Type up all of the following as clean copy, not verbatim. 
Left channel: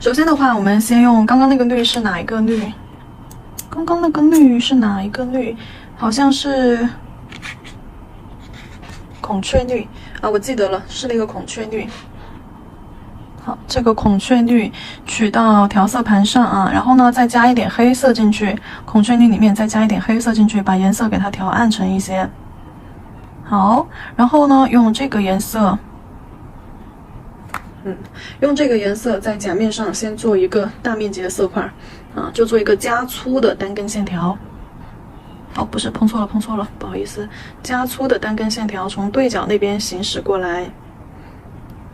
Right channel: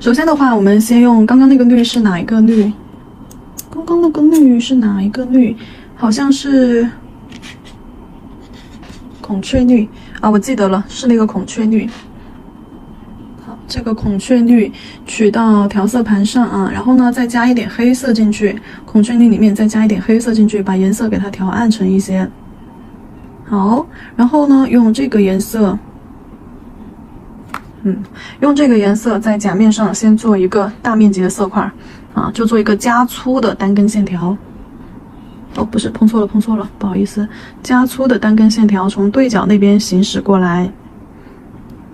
首先的话，我们先用刚刚那个绿是哪一个绿？刚刚那个绿是哪一个绿？好像是孔雀绿啊，我记得了，是那个孔雀绿。好，这个孔雀绿取到调色盘上啊，然后呢再加一点黑色进去，孔雀绿里面再加一点黑色进去，把颜色给它调暗沉一些。好，然后呢用这个颜色。用这个颜色在甲面上先做一个大面积的色块啊，就做一个加粗的单根线条。哦，不是，碰错了，不好意思，加粗的单根线条从对角那边行驶过来，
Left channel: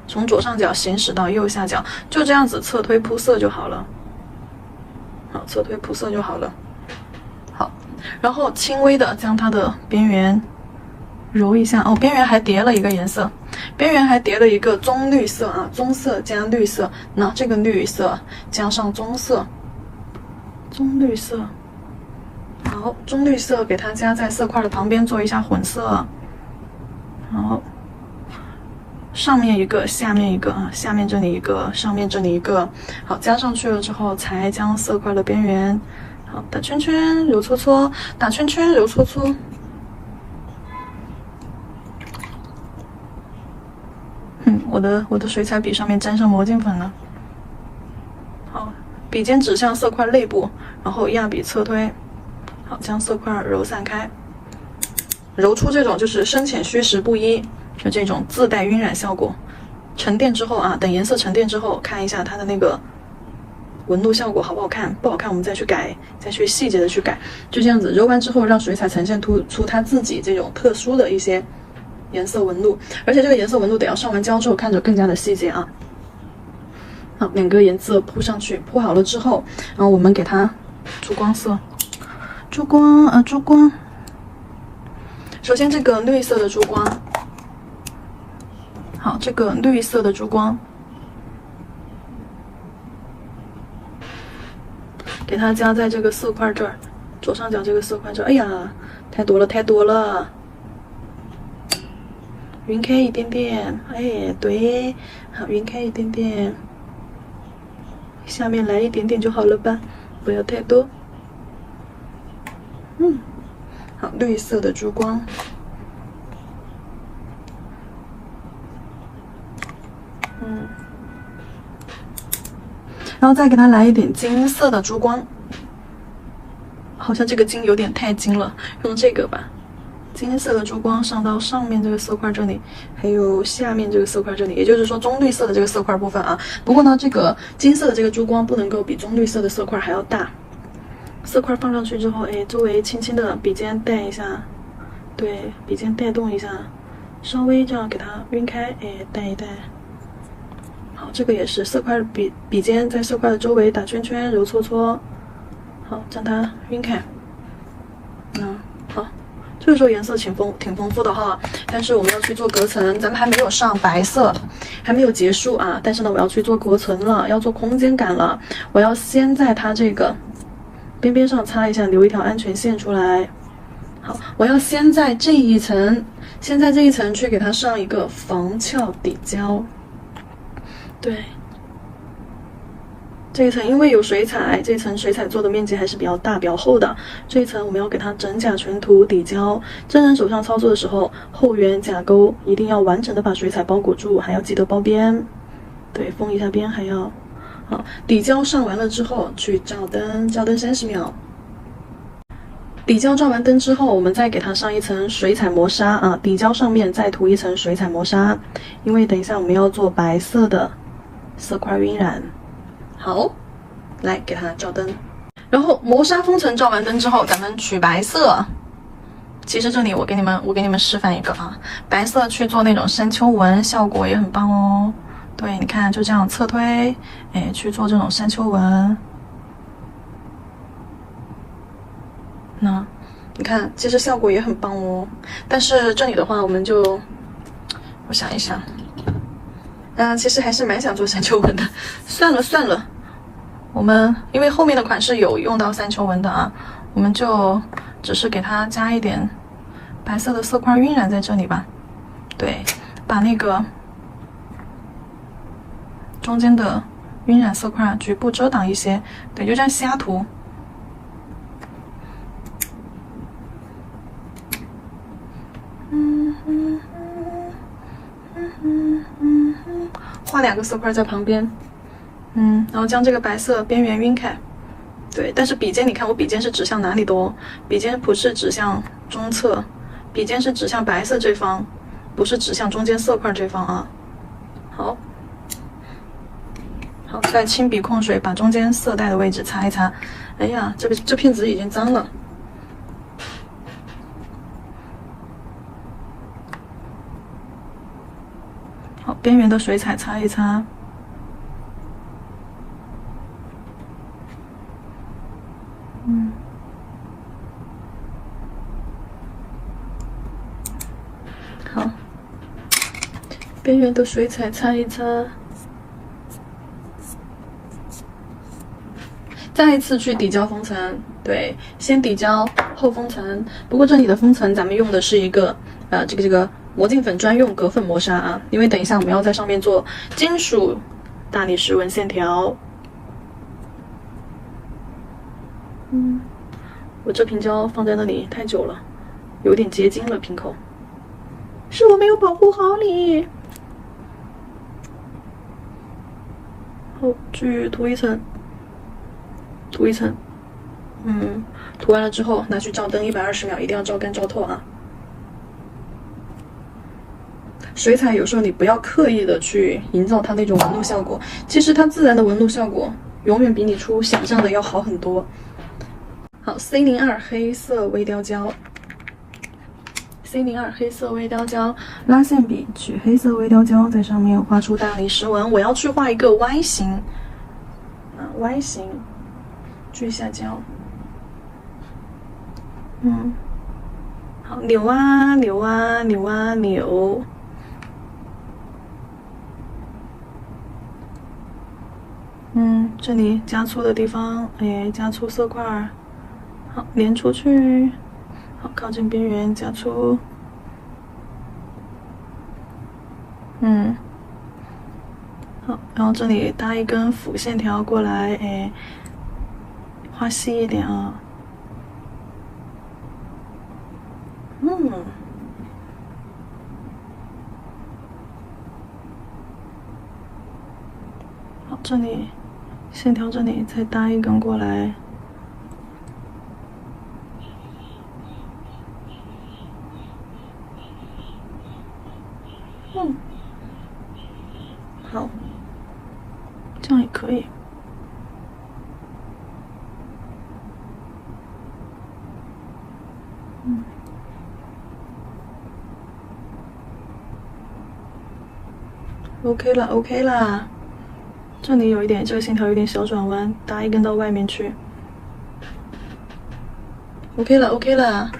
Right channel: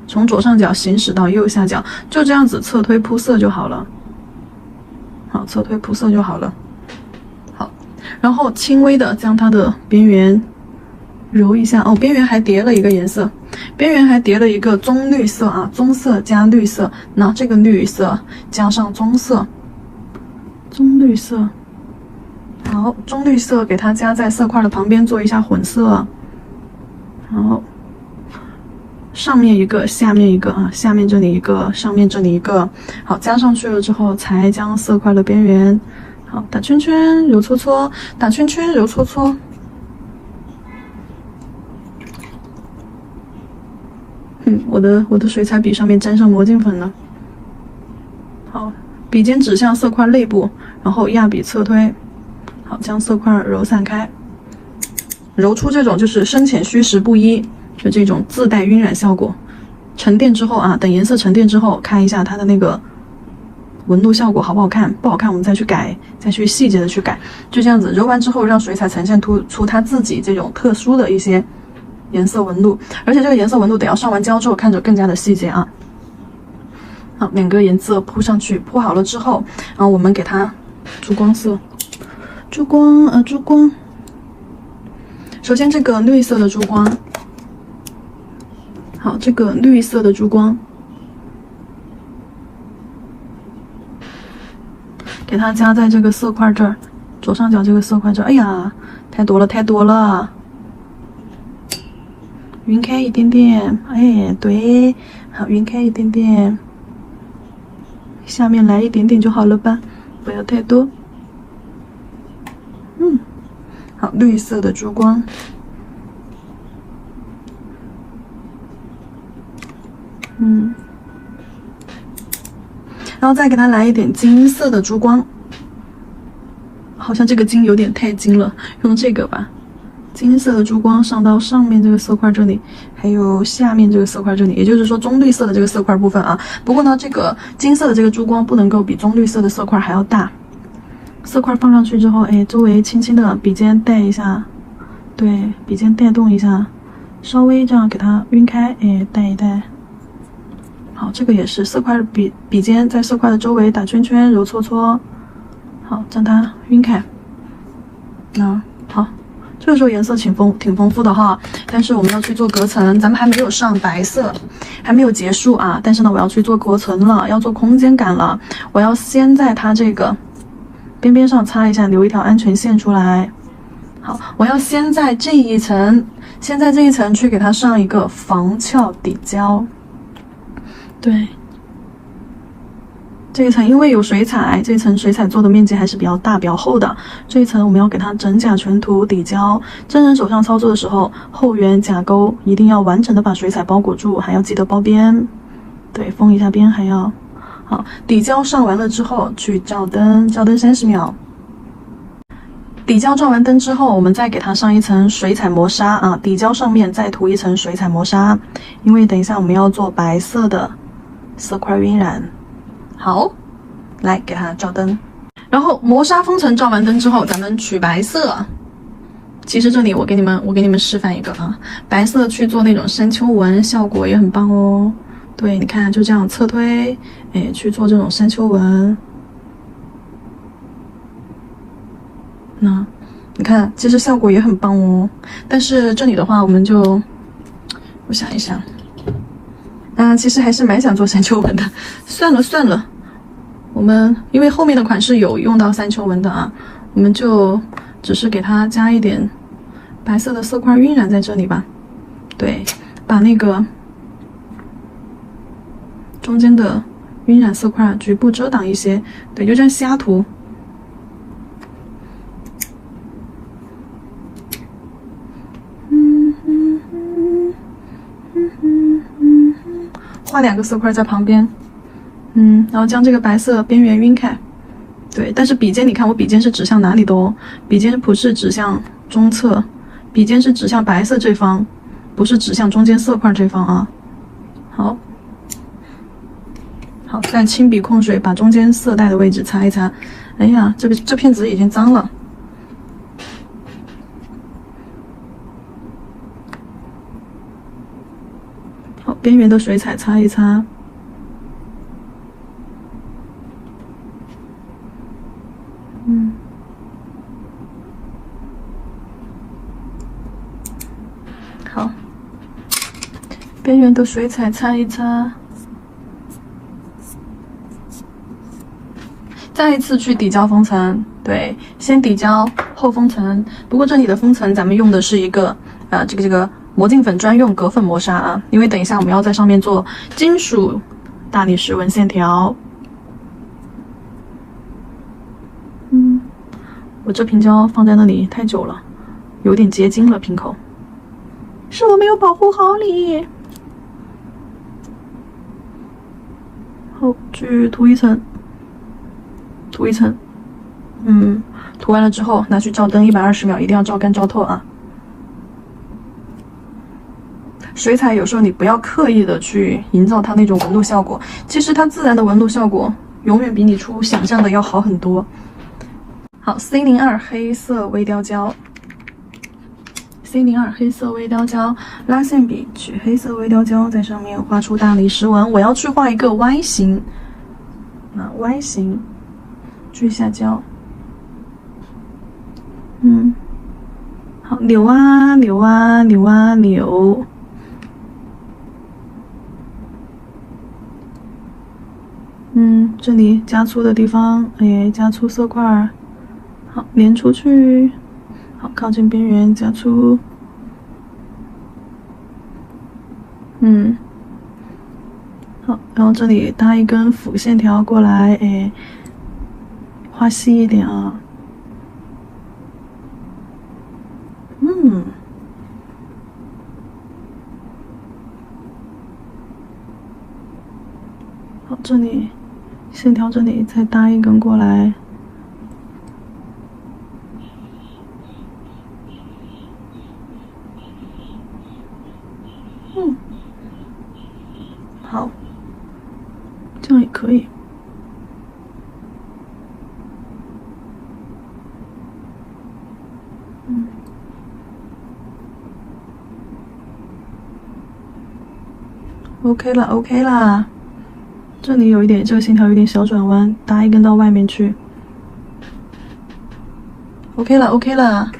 从左上角行驶到右下角，就这样子侧推铺色就好了。好，侧推铺色就好了。好，然后轻微的将它的边缘揉一下。哦，边缘还叠了一个颜色。边缘还叠了一个棕绿色啊，棕色加绿色，那这个绿色加上棕色，棕绿色，好，棕绿色给它加在色块的旁边做一下混色，好，上面一个，下面一个啊，下面这里一个，上面这里一个，好，加上去了之后才将色块的边缘，好，打圈圈揉搓搓，打圈圈揉搓搓。我的水彩笔上面沾上魔镜粉了。好，笔尖指向色块内部，然后压笔侧推，好，将色块揉散开，揉出这种就是深浅虚实不一，就这种自带晕染效果。沉淀之后啊，等颜色沉淀之后，看一下它的那个纹路效果好不好看，不好看我们再去改，再去细节的去改。就这样子揉完之后，让水彩呈现出它自己这种特殊的一些颜色纹路，而且这个颜色纹路得要上完胶之后看着更加的细节啊。好，两个颜色铺上去，铺好了之后，然后我们给它珠光色，珠光。首先这个绿色的珠光，好，这个绿色的珠光，给它加在这个色块这儿，左上角这个色块这儿。哎呀，太多了。匀开一点点，哎，对，好，匀开一点点，下面来一点点就好了吧，不要太多。好，绿色的珠光，然后再给它来一点金色的珠光，好像这个金有点太金了，用这个吧。金色的珠光上到上面这个色块这里，还有下面这个色块这里，也就是说棕绿色的这个色块部分啊。不过呢，这个金色的这个珠光不能够比棕绿色的色块还要大。色块放上去之后，哎，周围轻轻的笔尖带一下，对，笔尖带动一下，稍微这样给它晕开，哎，带一带。好，这个也是色块笔尖在色块的周围打圈圈，揉搓搓，好，将它晕开。好。这个时候颜色挺丰富的哈，但是我们要去做隔层，咱们还没有上白色，还没有结束啊。但是呢，我要去做隔层了，要做空间感了。我要先在它这个边上擦一下，留一条安全线出来。好，我要先在这一层，去给它上一个防翘底胶。对。这一层因为有水彩，这一层水彩做的面积还是比较大、比较厚的。这一层我们要给它整甲全涂底胶。真人手上操作的时候，后缘甲沟一定要完整的把水彩包裹住，还要记得包边。对，封一下边还要。好，底胶上完了之后，去照灯，照灯30秒。底胶照完灯之后，我们再给它上一层水彩磨砂啊，底胶上面再涂一层水彩磨砂，因为等一下我们要做白色的色块晕染。好，来给它照灯，然后磨砂封层照完灯之后，咱们取白色。其实这里我给你们示范一个啊，白色去做那种山丘纹，效果也很棒哦。对，你看就这样侧推，哎，去做这种山丘纹。那你看，其实效果也很棒哦。但是这里的话，我们就，我想一想。其实还是蛮想做山丘纹的，算了，我们因为后面的款式有用到山丘纹的啊，我们就只是给它加一点白色的色块晕染在这里吧。对，把那个中间的晕染色块局部遮挡一些，对，就这样瞎涂。画2个色块在旁边，然后将这个白色边缘晕开。对，但是笔尖，你看我笔尖是指向哪里的哦？笔尖不是指向中侧，笔尖是指向白色这方，不是指向中间色块这方啊。好，再轻笔控水把中间色带的位置擦一擦。哎呀，这片纸已经脏了。好，边缘的水彩擦一擦。好，边缘的水彩擦一擦。再一次去底胶封层，对，先底胶后封层。不过这里的封层咱们用的是一个这个魔镜粉专用隔粉磨砂啊，因为等一下我们要在上面做金属大理石纹线条。我这瓶胶放在那里太久了，有点结晶了，瓶口是我没有保护好你。好，去涂一层。涂一层，涂完了之后拿去照灯120秒，一定要照干照透啊。水彩有时候你不要刻意的去营造它那种纹路效果，其实它自然的纹路效果永远比你出想象的要好很多。好 ，C02 黑色微雕胶 ，C02 黑色微雕胶，拉线笔取黑色微雕胶，在上面画出大理石纹。我要去画一个 Y 型，Y 型。去下胶，好，扭啊扭啊扭啊扭，这里加粗的地方，加粗色块，好，连出去，好，靠近边缘加粗，好，然后这里搭一根辅线条过来，画细一点啊，好，这里线条这里再搭一根过来，好，这样也可以。OK 啦 ，OK 啦，这里有一点，这个线条有点小转弯，搭一根到外面去。OK 啦 ，OK 啦，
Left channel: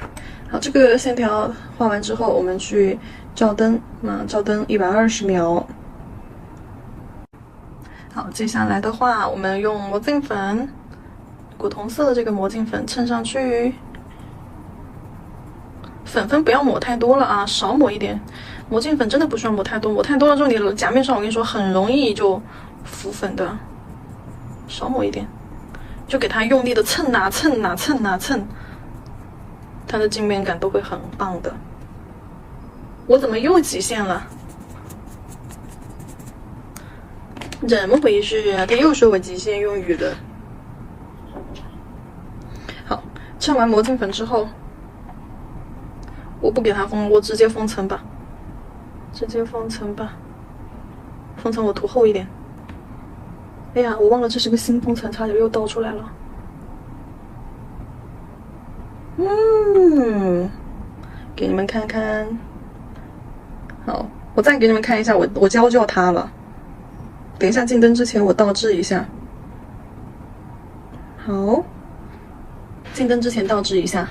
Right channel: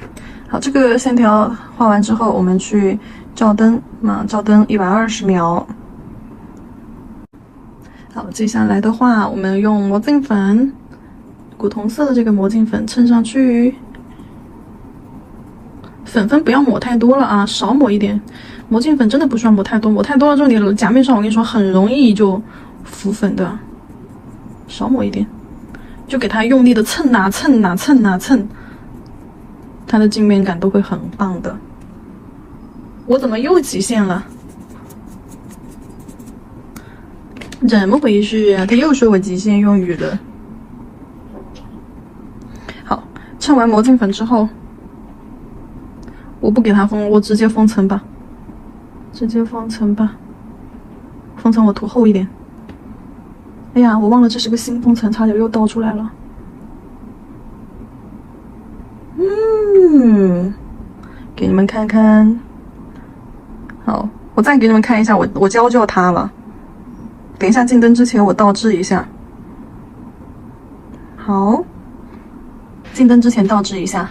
好，这个线条画完之后，我们去照灯，照灯120秒。好，接下来的话，我们用魔镜粉，古铜色的这个魔镜粉衬上去。粉不要抹太多了啊，少抹一点。魔镜粉真的不需要抹太多，抹太多了之后，你甲面上我跟你说很容易就浮粉的。少抹一点，就给它用力的蹭啊蹭啊蹭啊蹭，它的镜面感都会很棒的。我怎么又极限了？怎么回事啊？他又说我极限用语了。好，蹭完魔镜粉之后。我不给它封，我直接封层吧，封层我涂厚一点。哎呀，我忘了这是个新封层，差点又倒出来了。给你们看看。好，我再给你们看一下，我胶就它了。等一下进灯之前我倒置一下。好，进灯之前倒置一下。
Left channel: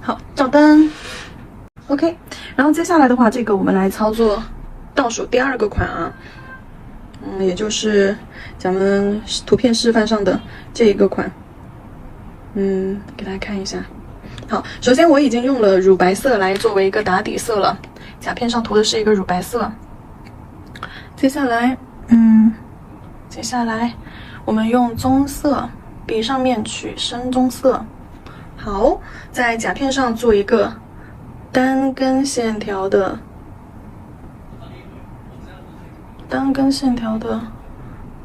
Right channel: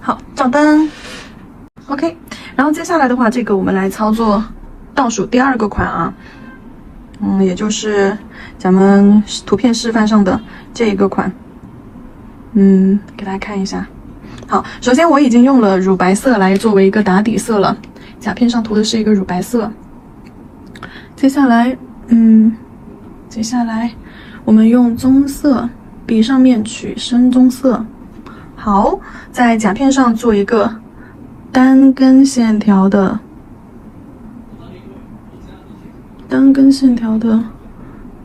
好，照灯。OK， 然后接下来的话，这个我们来操作倒数第2个款啊。也就是咱们图片示范上的这一个款。给大家看一下。好，首先我已经用了乳白色来作为一个打底色了。甲片上涂的是一个乳白色。接下来，我们用棕色，笔上面取深棕色。好，在甲片上做一个单根线条的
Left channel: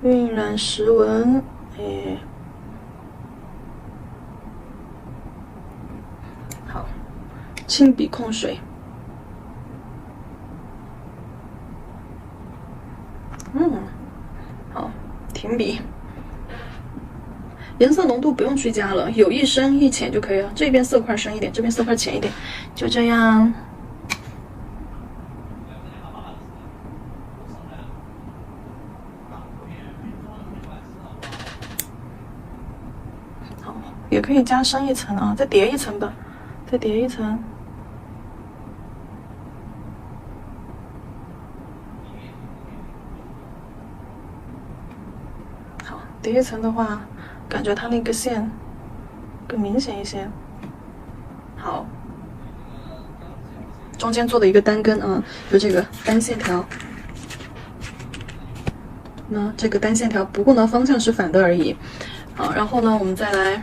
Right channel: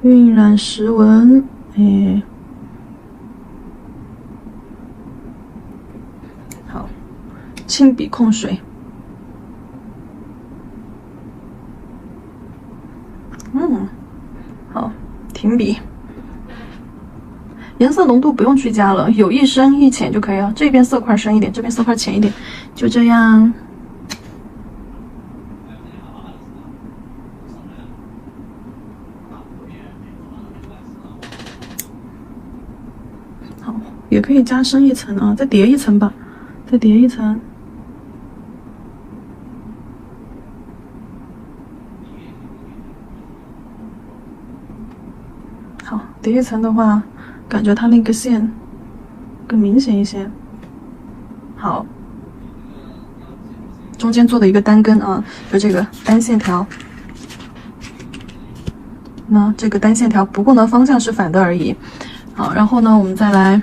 晕染石纹，好，轻笔控水，好，停笔。颜色浓度不用去加了，有一深一浅就可以了。这边色块深一点，这边色块浅一点，就这样。好，也可以加深一层啊，再叠一层吧，再叠一层。好，叠一层的话。感觉它那个线更明显一些。好，中间做的一个单根啊，就这个单线条。那这个单线条，不过呢方向是反的而已。好，然后呢我们再来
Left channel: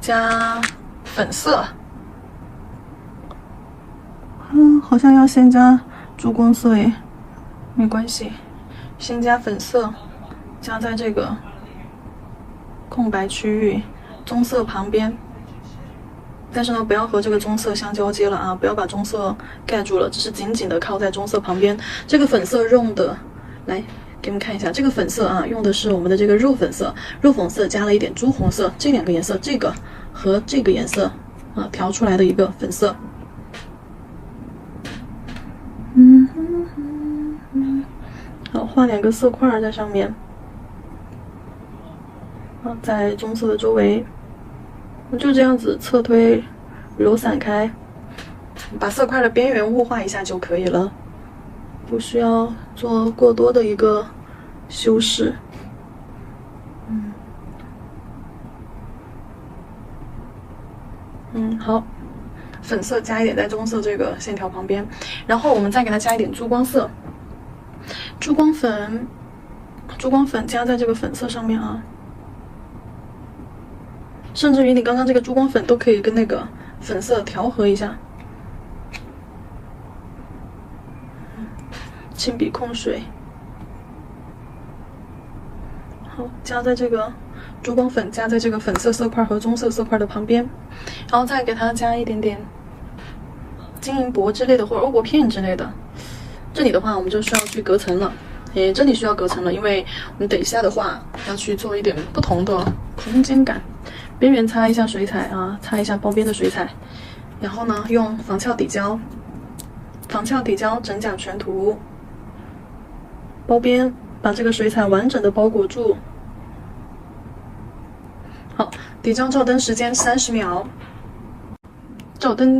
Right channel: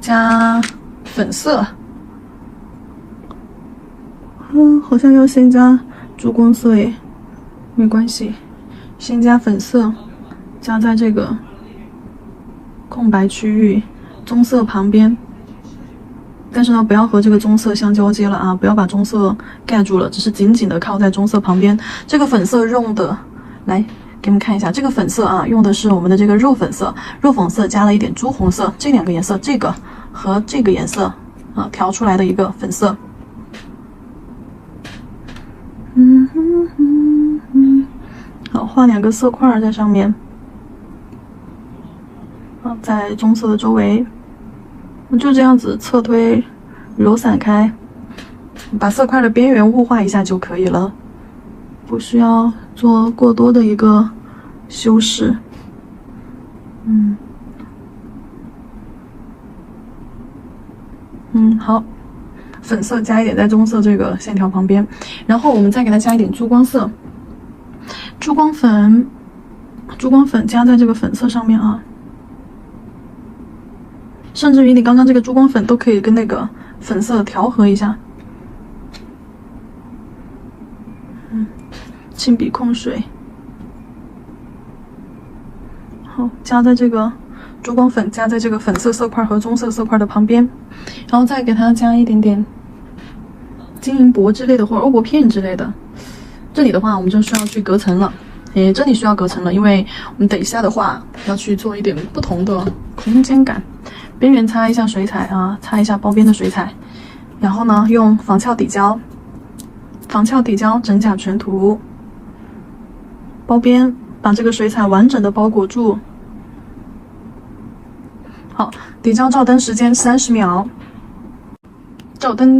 加粉色。好像要先加珠光色诶，没关系，先加粉色，加在这个空白区域，棕色旁边，但是呢，不要和这个棕色相交接了啊，不要把棕色盖住了，只是紧紧的靠在棕色旁边。这个粉色用的，来给你们看一下，这个粉色啊，用的是我们的这个肉粉色，肉粉色加了一点朱红色，这两个颜色，这个和这个颜色啊调出来的一个粉色。好，画两个色块在上面。在棕色的周围，就这样子侧推揉散开，把色块的边缘雾化一下就可以了，不需要做过多的一个修饰。好，粉色加一点在棕色这个线条旁边，然后我们再给它加一点珠光色，珠光粉加在这个粉色上面啊。甚至于你刚刚这个珠光粉都可以跟那个粉色调和一下。轻笔控水，好，加在这个珠光粉加在这个粉色色块和棕色色块的旁边，然后再给它加一点点金银箔之类的或者欧泊片之类的。这里的话我们就需要去隔层了，这里需要隔层了，因为我们等一下的话要去做一点不同的空间感。边缘擦一下水彩啊，擦一下包边的水彩，然后呢用仿鞘底胶整甲全涂，包边把这个水彩完整的包裹住。好，底胶照灯时间30秒，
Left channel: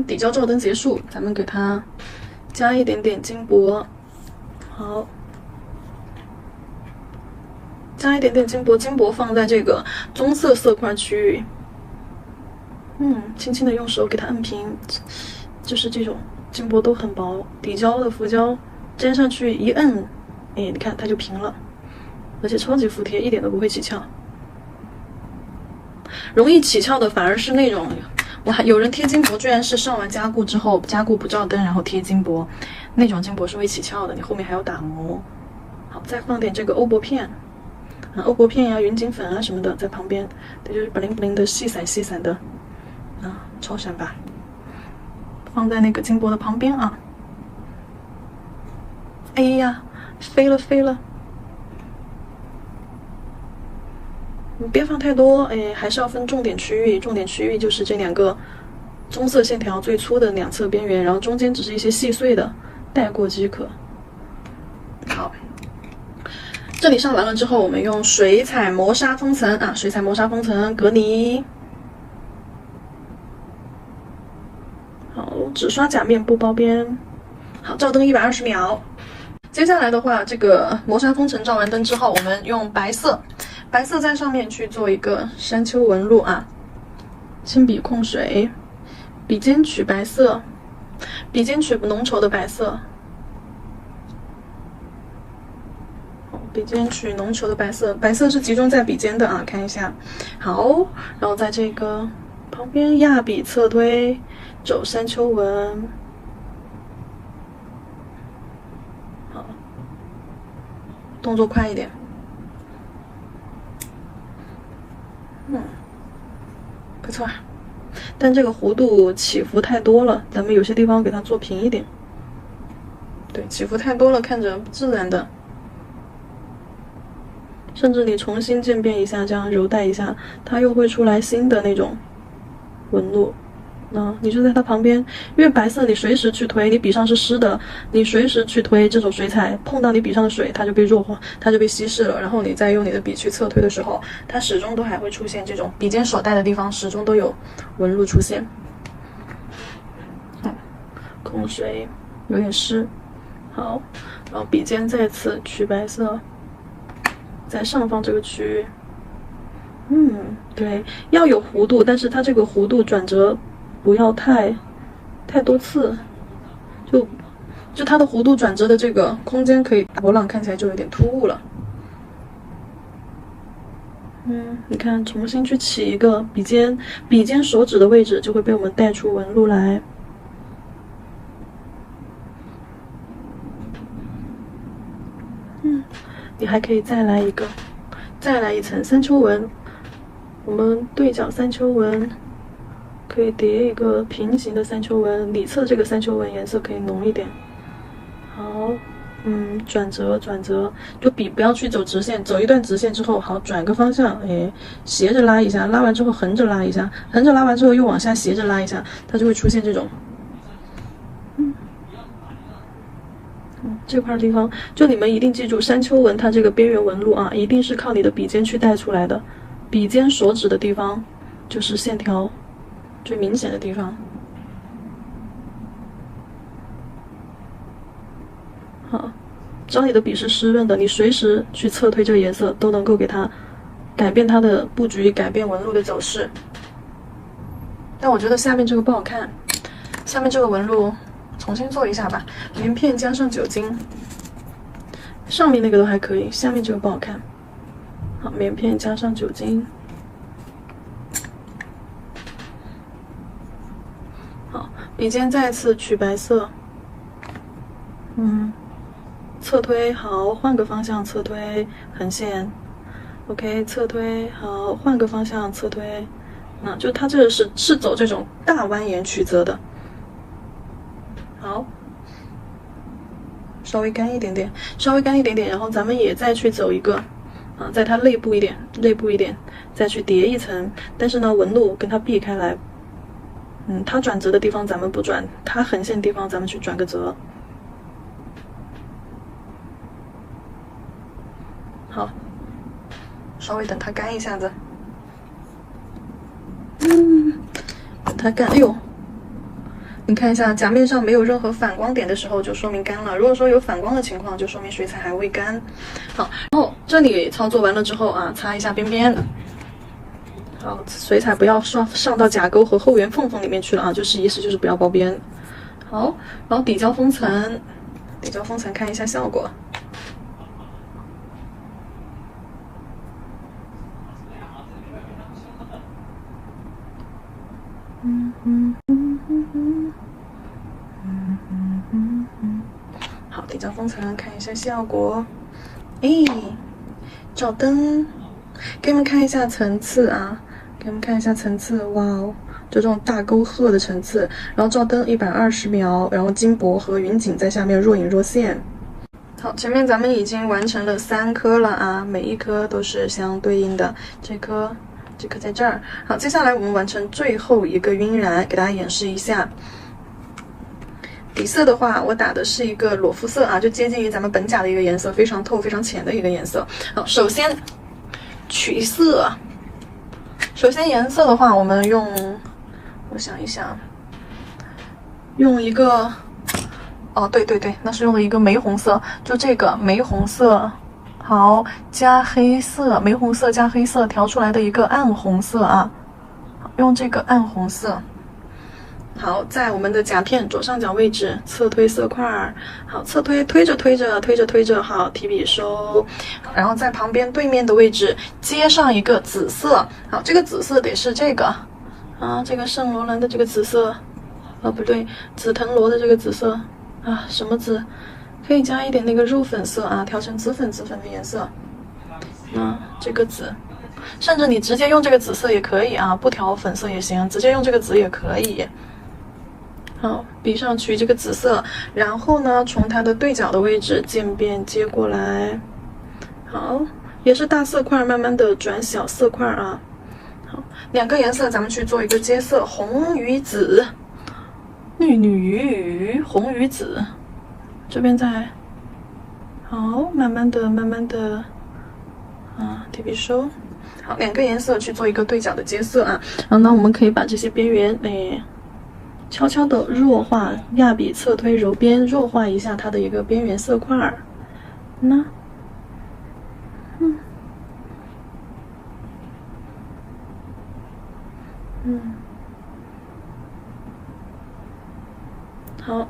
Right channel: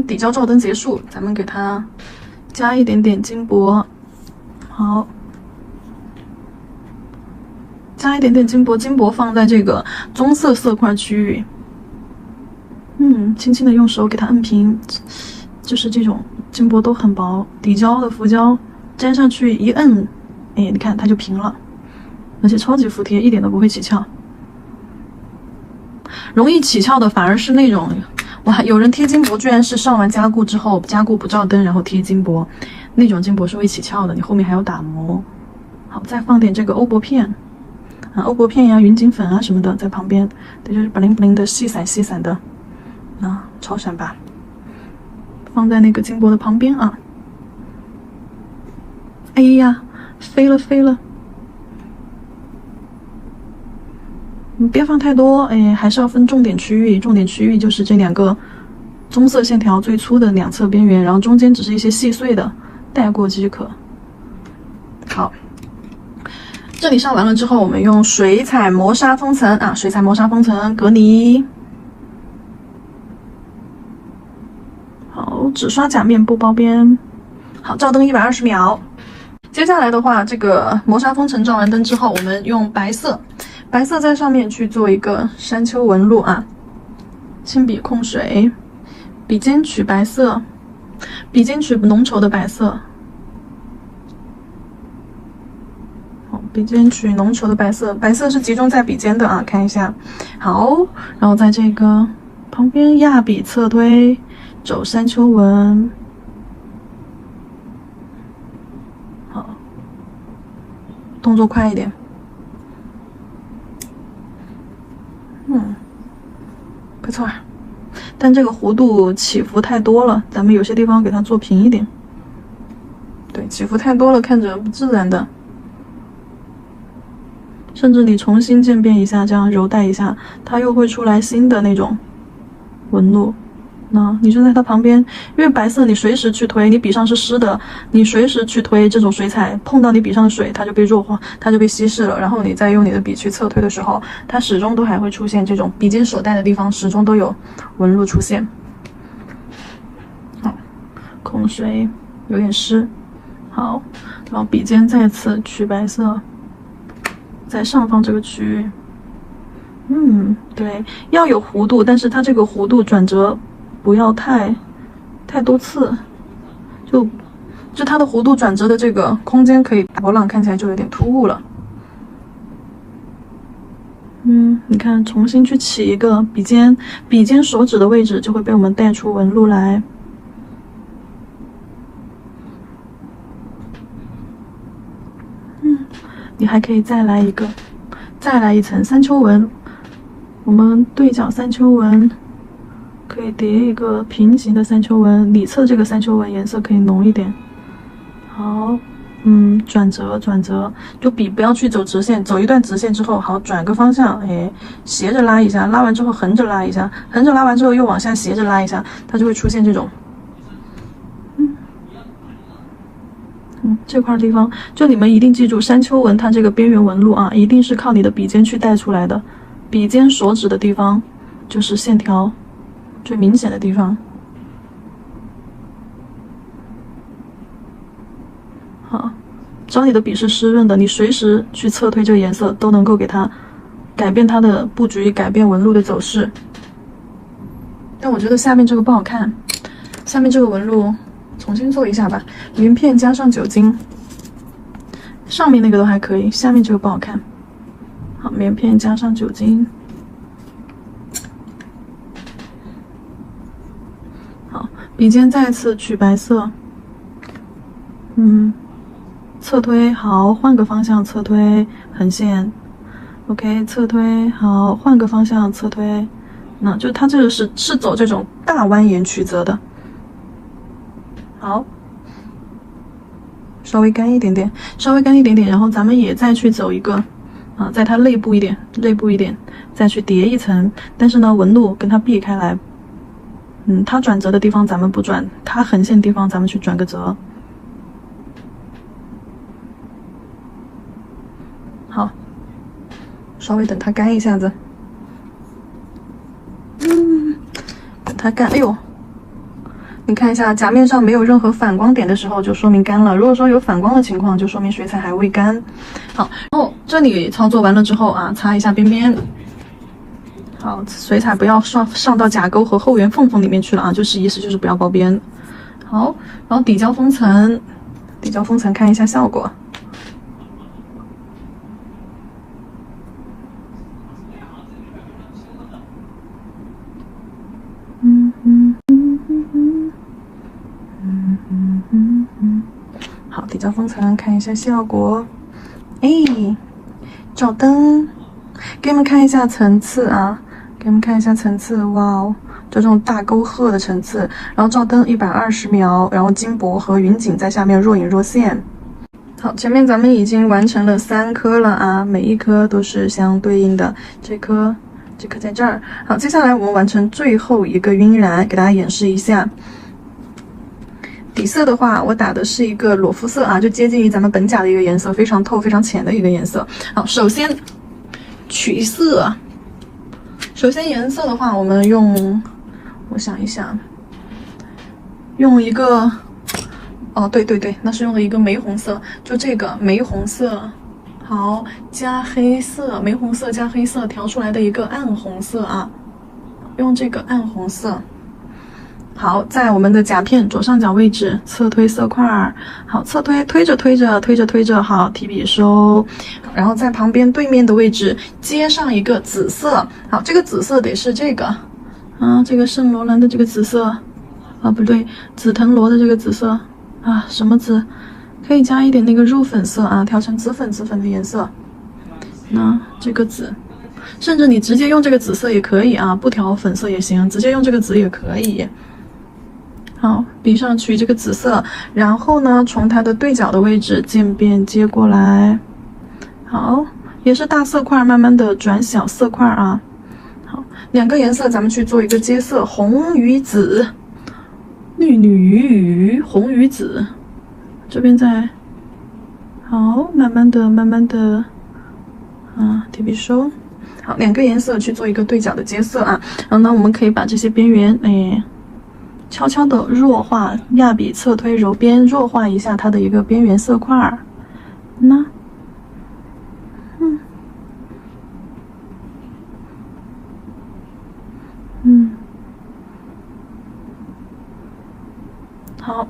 底胶照灯结束，咱们给它加一点点金箔，好。加一点点金箔放在这个棕色色块区域，轻轻的用手给它摁平，就是这种金箔都很薄，底胶的浮胶粘上去一摁，你看它就平了，而且超级服帖，一点都不会起翘。容易起翘的反而是那种，哇，有人贴金箔居然是上完加固之后，加固不照灯然后贴金箔，那种金箔是会起翘的，你后面还要打磨。好，再放点这个欧泊片。欧泊片呀、云锦粉啊什么的在旁边，这就是巴灵巴灵的细散的，超闪吧，放在那个金箔的旁边啊。哎呀，飞了！别放太多，还是要分重点区域。重点区域就是这两个棕色线条最粗的两侧边缘，然后中间只是一些细碎的，带过即可。好。这里上完了之后，我们用水彩磨砂封层啊，水彩磨砂封层隔泥。好，只刷甲面不包边。好，照灯120秒。接下来的话，这个磨砂封层照完灯之后，我们用白色在上面去做一个山丘纹路啊。轻笔控水，笔尖取白色。笔尖取浓稠的白色。好，笔尖取浓稠的白色，白色是集中在笔尖的啊，看一下。好，然后在这个旁边压笔侧推，走山丘纹。好，动作快一点。不错，但这个弧度起伏太多了，咱们有些地方给它做平一点。对，起伏太多了，看着不自然的。甚至你重新渐变一下，这样揉带一下，它又会出来新的那种纹路。你就在它旁边，因为白色你随时去推，你笔上是湿的，你随时去推这种水彩，碰到你笔上的水，它就被弱化，它就被稀释了。然后你再用你的笔去侧推的时候，它始终都还会出现这种笔尖所带的地方，始终都有纹路出现。好，控水有点湿。好，然后笔尖再次取白色，在上方这个区域。对，要有弧度，但是它这个弧度转折不要太多次，就它的弧度转折的这个空间可以波浪，看起来就有点突兀了。你看，重新去起一个笔尖手指的位置就会被我们带出纹路来。你还可以再来一层山丘纹。我们对角山丘纹可以叠一个平行的山丘纹，里侧这个山丘纹颜色可以浓一点。好，转折，就笔不要去走直线，走一段直线之后，好，转个方向，斜着拉一下，拉完之后横着拉一下，横着拉完之后又往下斜着拉一下，它就会出现这种。这块地方，就你们一定记住，山丘纹它这个边缘纹路啊，一定是靠你的笔尖去带出来的。笔尖手指的地方就是线条最明显的地方。好，只要你的笔是湿润的，你随时去侧推这个颜色，都能够给它改变它的布局，改变纹路的走势。但我觉得下面这个不好看，下面这个纹路重新做一下吧，棉片加上酒精。上面那个都还可以，下面这个不好看。好，棉片加上酒精。好，笔尖再次取白色。侧推，好，换个方向侧推，横线。OK， 侧推，好，换个方向侧推。那就它这个是走这种大蜿蜒曲折的。好。稍微干一点点，然后咱们也再去走一个，在它内部一点，再去叠一层，但是呢，纹路跟它避开来，它转折的地方咱们不转，它横线地方咱们去转个折。好，稍微等它干一下子，等它干，哎呦。你看一下甲面上没有任何反光点的时候，就说明干了。如果说有反光的情况，就说明水彩还未干。好，然后这里操作完了之后啊，擦一下边边。好，水彩不要上到甲沟和后缘缝缝里面去了啊，就是意思就是不要包边。好，然后底胶封层看一下效果。好，底胶封层看一下效果。照灯，给你们看一下层次啊，哇哦，就这种大沟壑的层次。然后照灯120秒，然后金箔和云锦在下面若隐若现。好，前面咱们已经完成了3颗了啊，每一颗都是相对应的。这颗在这儿。好，接下来我们完成最后一个晕染，给大家演示一下。底色的话，我打的是一个裸肤色啊，就接近于咱们本甲的一个颜色，非常透、非常浅的一个颜色。好，首先取色。首先颜色的话，我们用，我想一想，用一个，对，那是用了一个玫红色，就这个玫红色。好，加黑色，玫红色加黑色调出来的一个暗红色啊，用这个暗红色。好，在我们的甲片左上角位置侧推色块，好，侧推，推着，好，提笔收，然后在旁边对面的位置接上一个紫色，好，这个紫色得是这个啊，这个圣罗兰的这个紫色啊，不对，紫藤萝的这个紫色啊，什么紫？可以加一点那个肉粉色啊，调成紫粉的颜色。那这个紫。甚至你直接用这个紫色也可以啊，不调粉色也行，直接用这个紫也可以。好，笔上取这个紫色，然后呢，从它的对角的位置渐变接过来。好，也是大色块，慢慢的转小色块啊。好，两个颜色咱们去做一个接色，红与紫，绿与红与紫，这边再好，慢慢的，啊，提笔收。好，两个颜色去做一个对角的接色啊，然后呢，我们可以把这些边缘，悄悄的弱化，压笔侧推揉边，弱化一下它的一个边缘色块儿。好，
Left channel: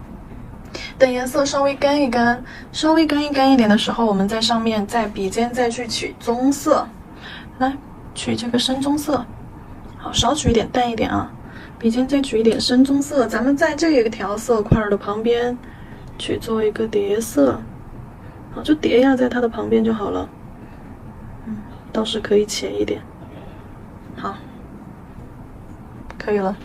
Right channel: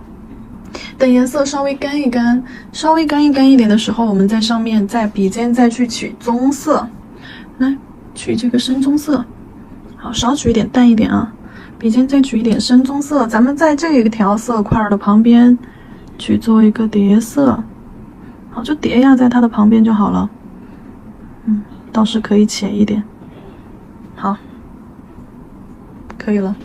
等颜色稍微干一干一点的时候，我们在上面在笔尖再去取棕色，来取这个深棕色，好，少取一点，淡一点啊。笔尖再取一点深棕色，咱们在这一条色块的旁边去做一个叠色，好，就叠压在它的旁边就好了。倒是可以浅一点，好，可以了。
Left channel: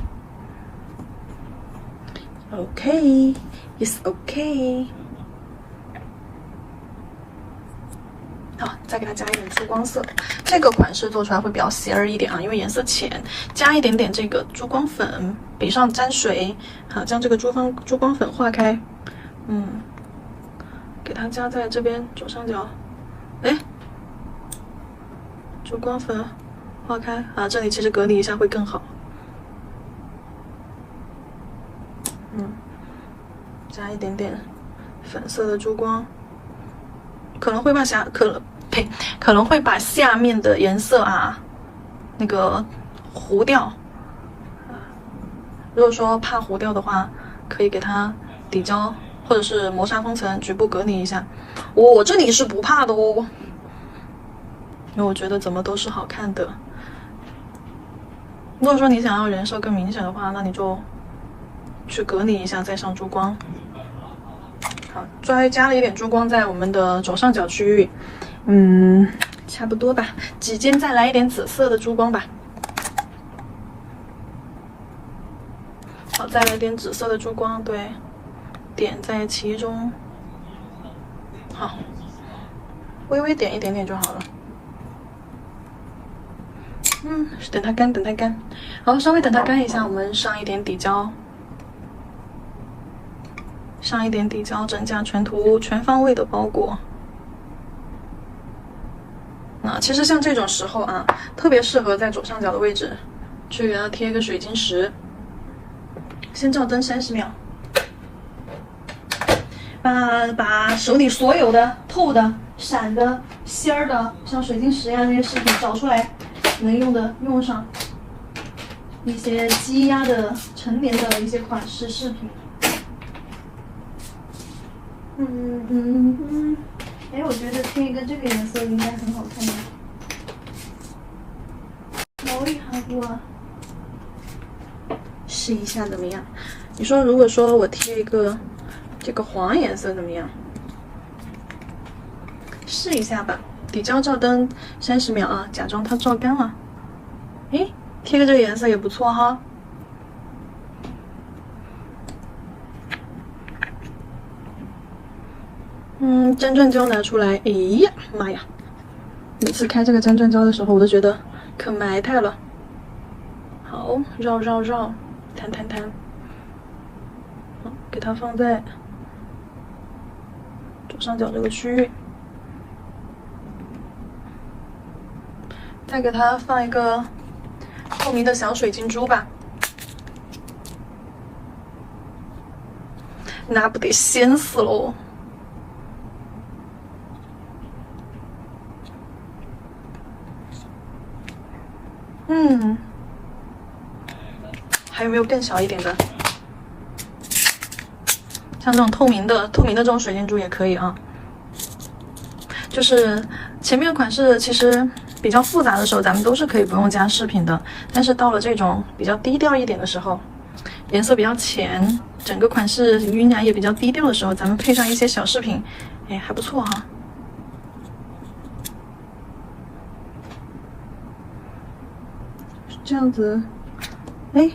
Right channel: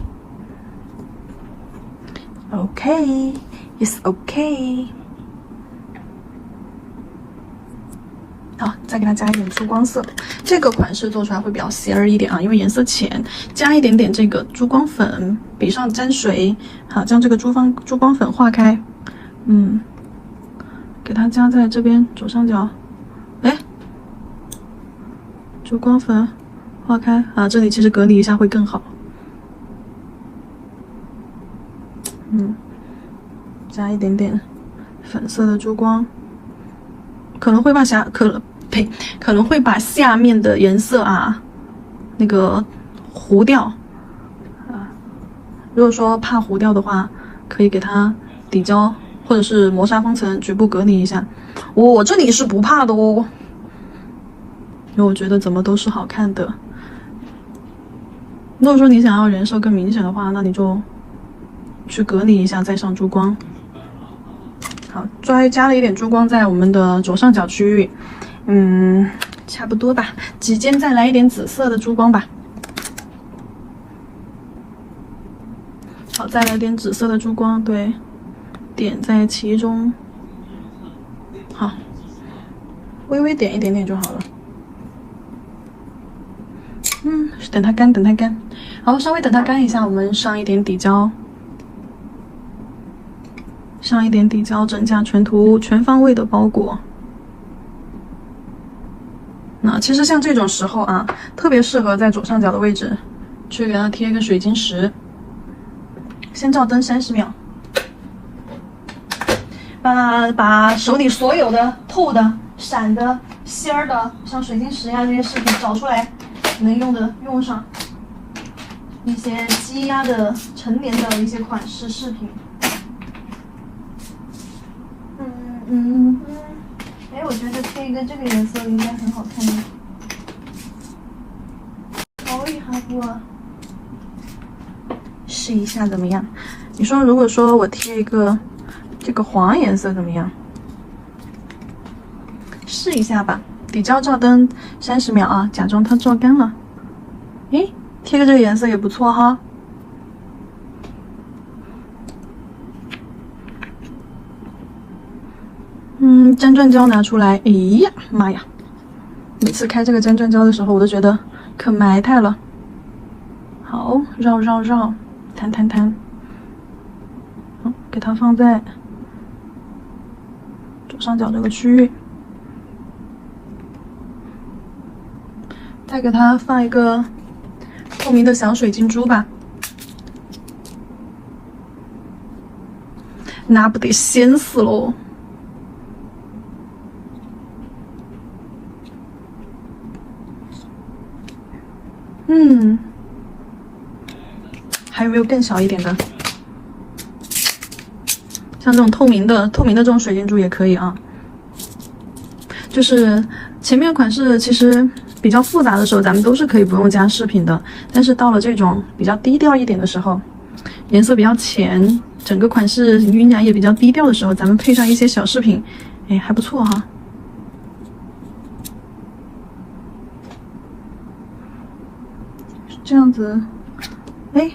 OK， it's OK。好，再给它加一点珠光色，这个款式做出来会比较邪儿一点啊，因为颜色浅，加一点点这个珠光粉，笔上沾水，好，将这个珠光粉化开，给它加在这边左上角，珠光粉化开啊，这里其实隔离一下会更好，加一点点粉色的珠光，可能会把下面的颜色啊，那个糊掉啊。如果说怕糊掉的话，可以给它底胶或者是磨砂封层，局部隔离一下。我这里是不怕的哦，因为我觉得怎么都是好看的。如果说你想要人设更明显的话，那你就去隔离一下，再上珠光。好，加了一点珠光在我们的左上角区域。差不多吧，指尖再来一点紫色的珠光吧。好，再来点紫色的珠光，对，点在其中。好，微微点一点点就好了。等它干。好，稍微等它干一下，我们上一点底胶。整甲全涂，全方位的包裹。那其实像这种时候啊，特别适合在左上角的位置去给它贴一个水晶石。先照灯30秒，把手里所有的透的、闪的、仙儿的，像水晶石呀这些饰品找出来，能用的用上。一些积压的、陈年的一些款式饰品。我觉得贴一个这个颜色应该很好看的。试一下怎么样？你说如果说我贴一个这个黄颜色怎么样？试一下吧。底胶照灯30秒啊，假装它照干了。贴个这个颜色也不错哈。真正胶拿出来，哎呀妈呀！每次开这个真正胶的时候，我都觉得可埋汰了。好，绕，弹，好，给它放在左上角这个区域，再给它放一个透明的小水晶珠吧。那不得仙死喽！还有没有更小一点的？像这种透明的这种水晶珠也可以啊。就是前面款式其实比较复杂的时候，咱们都是可以不用加饰品的。但是到了这种比较低调一点的时候，颜色比较浅，整个款式晕染也比较低调的时候，咱们配上一些小饰品，哎，还不错哈。这样子，哎。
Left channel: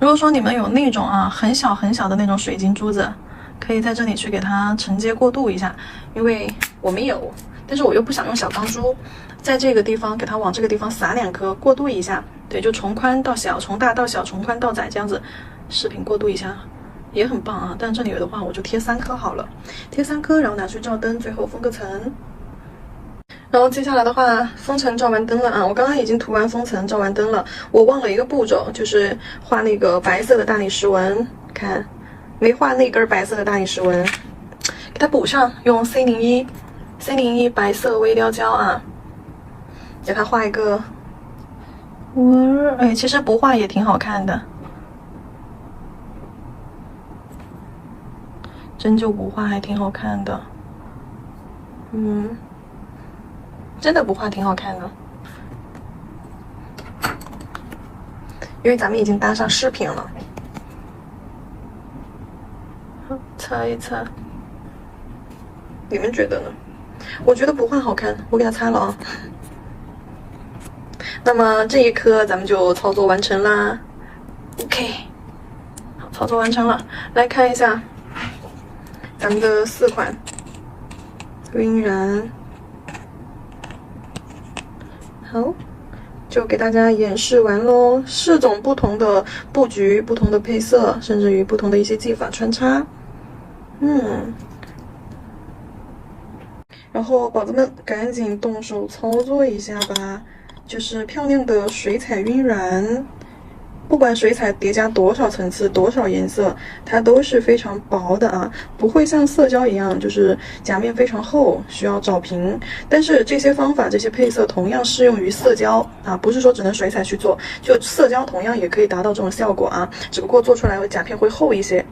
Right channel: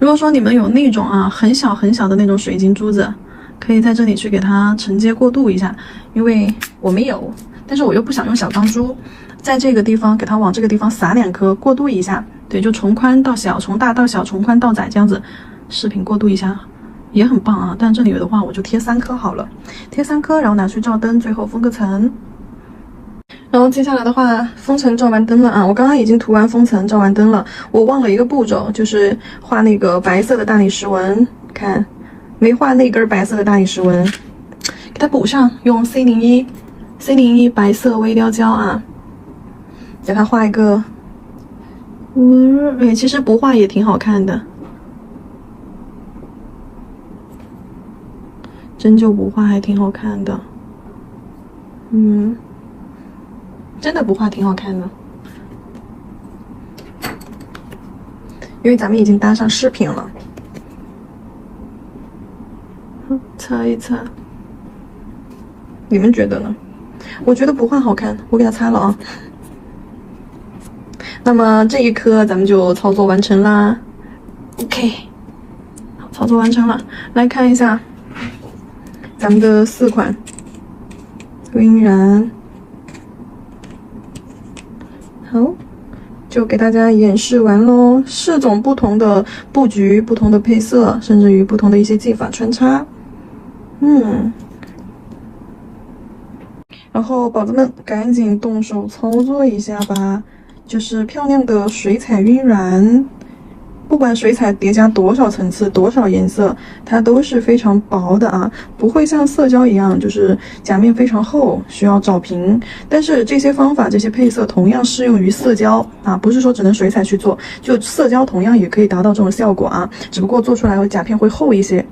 如果说你们有那种很小很小的那种水晶珠子，可以在这里去给它承接过渡一下，因为我没有，但是我又不想用小钢珠，在这个地方给它往这个地方撒2颗过渡一下，对，就从宽到小，从大到小，从宽到窄这样子，饰品过渡一下也很棒啊。但这里的话我就贴3颗好了，贴3颗，然后拿去照灯，最后封个层。然后接下来的话，封层照完灯了啊！我刚刚已经涂完封层，照完灯了。我忘了一个步骤，就是画那个白色的大理石纹，看没画那根白色的大理石纹，给它补上，用 C01 白色微雕胶啊，给它画一个纹。哎，其实不画也挺好看的，针灸不画还挺好看的。真的不画挺好看的，因为咱们已经搭上饰品了。擦一擦，你们觉得呢？我觉得不画好看，我给它擦了啊。那么这一颗咱们就操作完成啦。OK， 操作完成了，来看一下咱们的4款晕染。好，就给大家演示完喽。4种不同的布局、不同的配色，甚至于不同的一些技法穿插。然后宝子们赶紧动手操作一下吧，就是漂亮的水彩晕染。不管水彩叠加多少层次、多少颜色，它都是非常薄的啊，不会像色胶一样，就是甲面非常厚，需要找平。但是这些方法、这些配色同样适用于色胶啊，不是说只能水彩去做，就色胶同样也可以达到这种效果啊，只不过做出来的甲片会厚一些。